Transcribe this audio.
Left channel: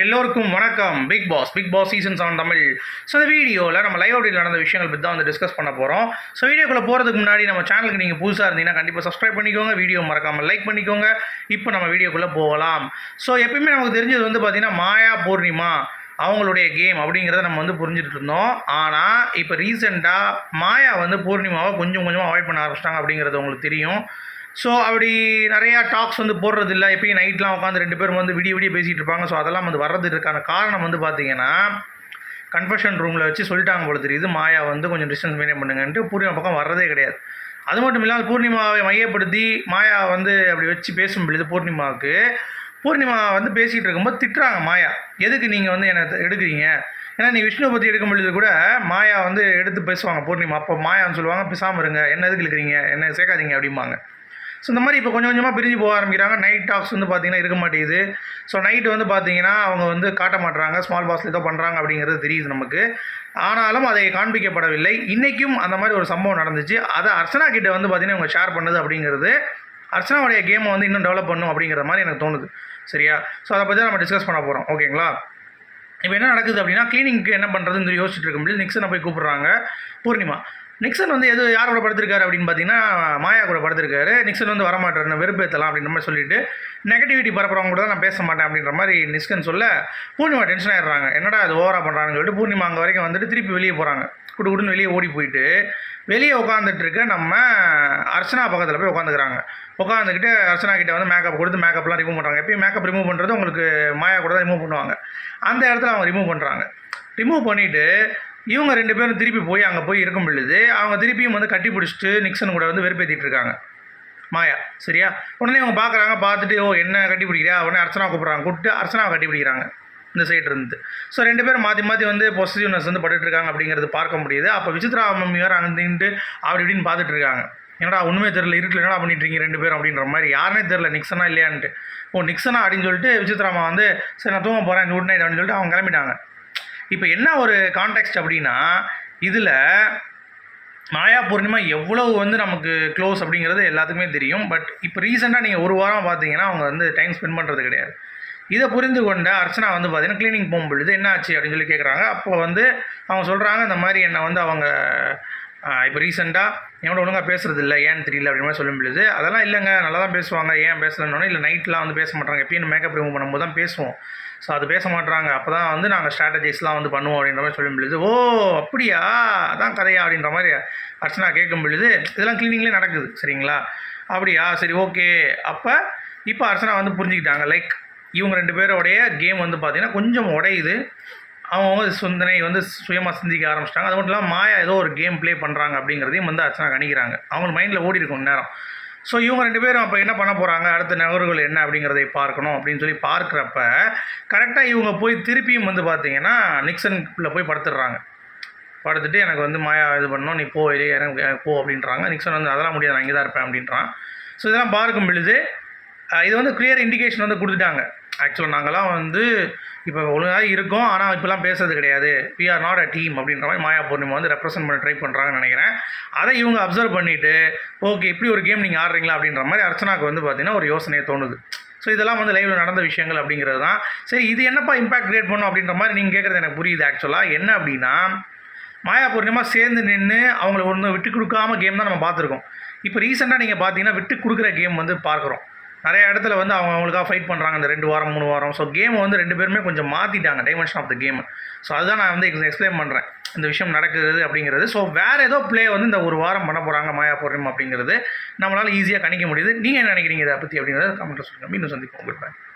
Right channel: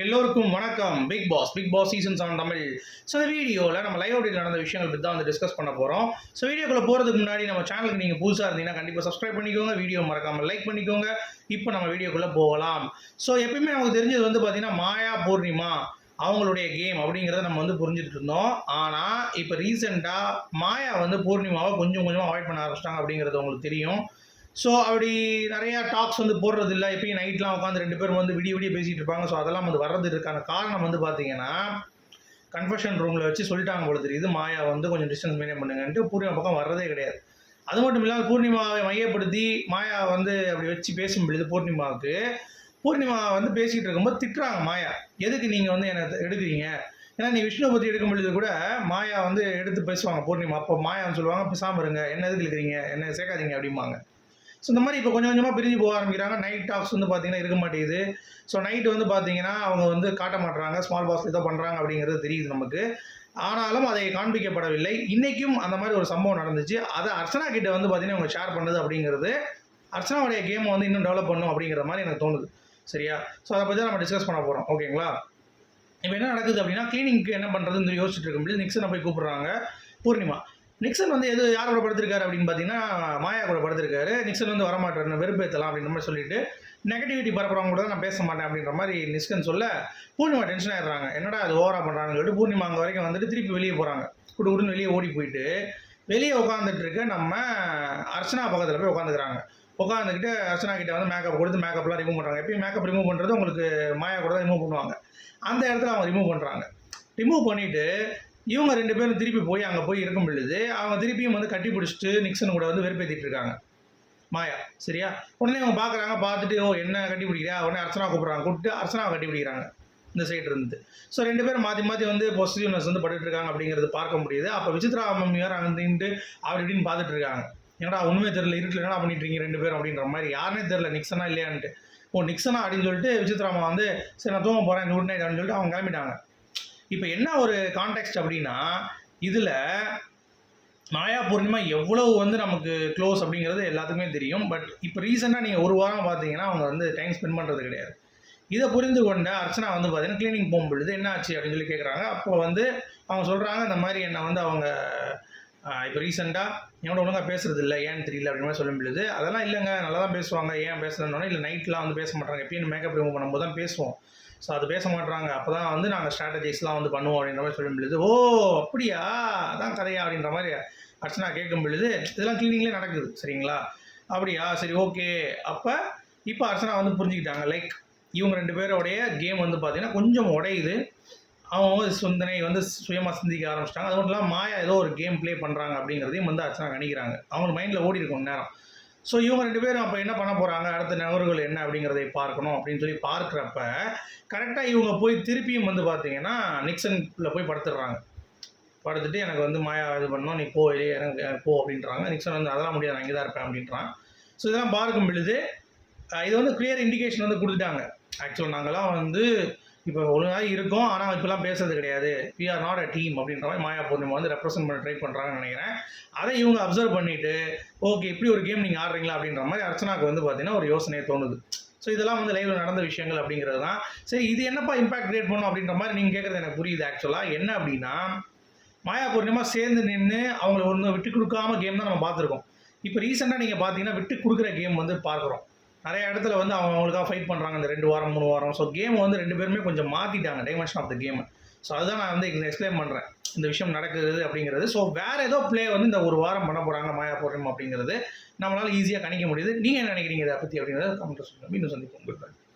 எல்லோருக்கும் வணக்கம். Bigg Boss Bigg Boss season seven Tamil. So இந்த வீடியோவில் நம்ம லைவ் அப்டேட் நடந்த விஷயங்கள் பற்றி தான் வந்து டிஸ்கஸ் பண்ண போகிறோம் ஸோ வீடியோக்குள்ளே போகிறதுக்கு முன்னாடி நம்ம சேனலுக்கு நீங்கள் புதுசாக இருந்தீங்கன்னா கண்டிப்பாக சப்ஸ்கிரைப் பண்ணிக்கோங்க. வீடியோ மறக்காமல் லைக் பண்ணிக்கோங்க. இப்போ நம்ம வீடியோக்குள்ளே போகலாம். ஸோ எப்பயுமே நமக்கு தெரிஞ்சது வந்து பார்த்திங்கன்னா மாயா பூர்ணிமா அவங்களுடைய கேம் அப்படிங்கிறத நம்ம வந்து புரிஞ்சுட்டு இருந்தோம். ஆனால் இப்போ ரீசெண்டாக மாயா வந்து பூர்ணிமாவை கொஞ்சம் கொஞ்சமாக அவாய்ட் பண்ண ஆரம்பிச்சிட்டாங்க அப்படிங்கிறது உங்களுக்கு தெரியும். ஸோ அப்படி நிறையா டாக்ஸ் வந்து போடுறது இல்லை எப்பயும் நைட்லாம் உட்காந்து ரெண்டு பேரும் வந்து விடிய விடிய பேசிகிட்டு இருப்பாங்க. ஸோ அதெல்லாம் வந்து வர்றதுக்கான காரணம் வந்து பார்த்தீங்கன்னா கன்ஃபெஷன் ரூமில் வச்சு சொல்லிட்டாங்க போல தெரியுது. மாயா வந்து கொஞ்சம் டிஸ்டன்ஸ் மெயின்டைன் பண்ணுங்கன்ட்டு பூர்ணிமா பக்கம் வர்றதே கிடையாது. அது மட்டும் இல்லாமல் பூர்ணிமாவை மையப்படுத்தி மாயா வந்து அப்படி வச்சு பேசும் பொழுது பூர்ணிமாவுக்கு பூர்ணிமா வந்து பேசிகிட்டு இருக்கும்போது திட்டுறாங்க மாயா. எதுக்கு நீங்கள் வந்து என்னை எடுக்கிறீங்க? ஏன்னா நீ விஷ்ணுவை பற்றி எடுக்கும் பொழுது கூட மாயா வந்து எடுத்து பேசுவாங்க. பூர்ணிமா அப்போ மாயான்னு சொல்லுவாங்க பேசாமல் இருங்க. என்ன எதுக்கு இருக்கிறீங்க என்ன சேர்க்காதீங்க. அப்படிம்பாங்க. ஸோ இந்த மாதிரி இப்போ கொஞ்சம் கொஞ்சமாக பிரிஞ்சு போக ஆரம்பிக்கிறாங்க. நைட் டாக்ஸ் வந்து பார்த்தீங்கன்னா இருக்க மாட்டேங்குது. ஸோ நைட்டு வந்து பார்த்தீங்கன்னா அவங்க வந்து காட்ட மாட்டுறாங்க ஸ்மால் பாஸில் ஏதோ பண்ணுறாங்க அப்படிங்கிறது தெரியுது நமக்கு. ஆனாலும் அதை காண்பிக்கப்படவில்லை. இன்றைக்கும் அந்த மாதிரி ஒரு சம்பவம் நடந்துச்சு. அதை அர்ச்சனா கிட்ட வந்து பார்த்தீங்கன்னா அவங்க ஷேர் பண்ணுது அப்படிங்கிறது. அர்ச்சனாவுடைய கேமை வந்து இன்னும் டெவலப் பண்ணும் அப்படிங்கிற மாதிரி எனக்கு தோணுது. சரியா? ஸோ அதை பற்றி நம்ம டிஸ்கஸ் பண்ண போகிறோம் ஓகேங்களா இப்போ என்ன நடக்குது அப்படின்னா கிளீனிங்க்கு என்ன பண்ணுறதுன்னு சொல்லி யோசிச்சுட்டு இருக்கும்போது நிக்ஸனை போய் கூப்பிட்றாங்க. பூர்ணிமா. நிக்சன் வந்து எது யார் கூட படுத்திருக்காரு அப்படின்னு பார்த்தீங்கன்னா மாயா கூட படுத்திருக்காரு. நிக்சன் வந்து வரமாட்டார் வெறுப்பேற்றலாம் அப்படின்ற மாதிரி சொல்லிட்டு நெகட்டிவிட்டி பரப்புறவங்க கூட நான் பேச மாட்டேன் அப்படின்ற மாதிரி நிக்சன் சொல்ல பூர்ணிமா டென்ஷன் ஆயிடுறாங்க. என்னடா அது ஓவரா பண்ணுறாங்கன்னு சொல்லிட்டு பூர்ணிமா அங்கே வரைக்கும் வந்துட்டு திருப்பி வெளியே போகிறாங்க குடு குடுன்னு வெளியே ஓடி போயிட்டு வெளியே உட்காந்துட்டு இருக்க நம்ம அர்ச்சனா பக்கத்தில் போய் உட்காந்துக்கிறாங்க உட்காந்துக்கிட்டு அர்ச்சனா கிட்ட வந்து மேக்கப் கொடுத்து மேக்கப்லாம் ரிமூவ் பண்ணுறாங்க எப்பயும் மேக்கப் ரிமூவ் பண்ணுறது உங்களுக்கு மாயா கூட தான் ரிமூவ் பண்ணுவாங்க. அந்த இடத்துல அவங்க ரிமூவ் பண்ணுறாங்க ரிமூவ் பண்ணிவிட்டு இவங்க ரெண்டு பேரும் திருப்பி போய் அங்கே போய் இருக்கும் பொழுது அவங்க திருப்பியும் வந்து கட்டி பிடிச்சிட்டு நிக்சன் கூட வந்து வெறுப்பேற்றிட்டு இருக்காங்க. மாயா சரியா? உடனே இவங்க பார்க்குறாங்க பார்த்துட்டு ஓ என்ன கட்டி பிடிக்கிறா உடனே அர்ச்சனா கூப்பிட்றாங்க கூப்பிட்டு அர்ச்சனாவை கட்டி பிடிக்கிறாங்க இந்த சைடு இருந்து. ஸோ ரெண்டு பேரும் மாற்றி மாற்றி வந்து பொசிட்டிவ்னஸ் வந்து பட்டுட்டு இருக்காங்க அப்படிங்கிறது பார்க்க முடியுது. அப்போ விசித்ரா மம்மி வேறு அங்கே நின்று அப்படி இப்படின்னு பார்த்துட்டு இருக்காங்க. என்னடா ஒன்றுமே தெரில இருட்டில் என்னடா பண்ணிட்டு இருக்கீங்க ரெண்டு பேரும்? அப்படின்ற மாதிரி யாருனே தெரில நிக்சனா இல்லையான்ட்டு. ஓ நிக்சனா? அப்படின்னு சொல்லிட்டு விசித்ராமா வந்து சரி நான் தூங்க போகிறேன் குட் நைட் அப்படின்னு சொல்லிட்டு அவங்க கிளம்பிட்டாங்க. இப்போ என்ன ஒரு கான்டெக்ட் அப்படின்னா இதில் மாயா பூர்ணிமா எவ்வளவு வந்து நமக்கு க்ளோஸ் அப்படிங்கிறது எல்லாத்துக்குமே தெரியும். பட் இப்போ ரீசெண்டாக நீங்கள் ஒரு வாரம் பார்த்தீங்கன்னா அவங்க வந்து டைம் ஸ்பெண்ட் பண்ணுறது கிடையாது. இதை புரிந்து கொண்ட அர்ச்சனா வந்து பார்த்தீங்கன்னா க்ளீனிங் போகும்பொழுது என்ன ஆச்சு அப்படின்னு சொல்லி கேட்குறாங்க அப்போ வந்து அவங்க சொல்கிறாங்க இந்த மாதிரி என்னை வந்து அவங்க இப்போ ரீசெண்டாக என்னோட ஒழுங்காக பேசுறது இல்லை ஏன்னு தெரியல அப்படின்னு மாதிரி சொல்லும் பொழுது அதெல்லாம் இல்லைங்க. நல்லா தான் பேசுவாங்க. ஏன் பேசலன்னு இல்லை நைட்லாம் வந்து பேச மாட்டாங்க. எப்பயும் மேக்கப் ரிமூவ் பண்ணும்போது தான் பேசுவோம். ஸோ அது பேச மாட்டாங்க. அப்போ தான் வந்து நாங்கள் ஸ்ட்ராட்டஜிஸ்லாம் வந்து பண்ணுவோம் அப்படின்ற மாதிரி சொல்லும் பொழுது ஓ அப்படியா? அதான் கதையா? அப்படின்ற மாதிரி அர்ச்சனா கேட்கும் பொழுது இதெல்லாம் கிளீனிங்லேயே நடக்குது. சரிங்களா? அப்படியா? சரி ஓகே அப்போ இப்போ அர்ச்சனா வந்து புரிஞ்சுக்கிட்டாங்க. லைக் இவங்க ரெண்டு பேரோடைய கேம் வந்து பார்த்திங்கன்னா கொஞ்சம் உடையுது. அவங்க சிந்தனை வந்து சுயமாக சிந்திக்க ஆரம்பிச்சிட்டாங்க. அது மட்டும் இல்லாமல் மாயா ஏதோ ஒரு கேம் ப்ளே பண்ணுறாங்க அப்படிங்கிறதையும் வந்து அர்ச்சனா கணிக்கிறாங்க. அவங்க மைண்டில் ஓடி இருக்கும் நேரம். ஸோ இவங்க ரெண்டு பேரும் அப்போ என்ன பண்ண போகிறாங்க அடுத்த நகர்கள் என்ன அப்படிங்கிறதை பார்க்கணும் அப்படின்னு சொல்லி பார்க்குறப்ப கரெக்டாக இவங்க போய் திருப்பியும் வந்து பார்த்தீங்கன்னா நிக்சன்ல போய் படுத்துடுறாங்க. படுத்துட்டு எனக்கு வந்து மாயா இது பண்ணணும் நீ போ இல்லையே எனக்கு போ அப்படின்றாங்க. நிக்சன் வந்து அதெல்லாம் முடியாது நான் இங்கே தான் இருப்பேன் அப்படின்றான். ஸோ இதெல்லாம் பார்க்கும் பொழுது இது வந்து கிளியர் இண்டிகேஷன் வந்து கொடுத்துட்டாங்க. ஆக்சுவலாக நாங்களாம் வந்து இப்போ ஒழுங்காக இருக்கோம். ஆனால் இப்போலாம் பேசுறது கிடையாது. We are not a team அப்படின்ற மாதிரி மாயா பூர்ணிமா வந்து ரெப்ரசென்ட் பண்ண ட்ரை பண்ணுறாங்கன்னு நினைக்கிறேன். அதை இவங்க அப்சர்வ் பண்ணிவிட்டு ஓகே இப்படி ஒரு கேம் நீங்கள் ஆடுறீங்களா அப்படின்ற மாதிரி அர்ச்சனாக்கு வந்து பார்த்தீங்கன்னா ஒரு யோசனையை தோணுது. ஸோ இதெல்லாம் வந்து லைவில் நடந்த விஷயங்கள் அப்படிங்கிறது தான். சரி இது என்னப்பா இம்பாக்ட் கிரியேட் பண்ணும் அப்படின்ற மாதிரி நீங்கள் கேட்குறது எனக்கு புரியுது ஆக்சுவலாக என்ன அப்படின்னா மாயா பூர்ணிமா சேர்ந்து நின்று அவங்கள ஒன்று விட்டு கொடுக்காம கேம் தான் நம்ம பார்த்துருக்கோம். இப்போ ரீசெண்டாக நீங்கள் பார்த்தீங்கன்னா விட்டு கொடுக்குற கேம் வந்து பார்க்குறோம். நிறைய இடத்துல வந்து அவங்க அவங்களுக்காக ஃபைட் பண்ணுறாங்க இந்த ரெண்டு வாரம் மூணு வாரம். ஸோ கேமை வந்து ரெண்டு பேருமே கொஞ்சம் மாற்றிட்டாங்க dimension of the game so அதுதான் நான் வந்து எக்ஸ்பிளைன் பண்ணுறேன் இந்த விஷயம் நடக்குது அப்படிங்கிறது. ஸோ வேறு ஏதோ ப்ளே வந்து இந்த ஒரு வாரம் பண்ண போகிறாங்க மாயா போடுறோம் அப்படிங்கிறது நம்மளால் ஈஸியாக கணிக்க முடியுது. நீங்கள் என்ன நினைக்கிறீங்க இதை பற்றி அப்படிங்கிறத கமெண்ட்டில் சொல்லுங்கள் இன்னும் சந்திப்போம். உங்களுக்கு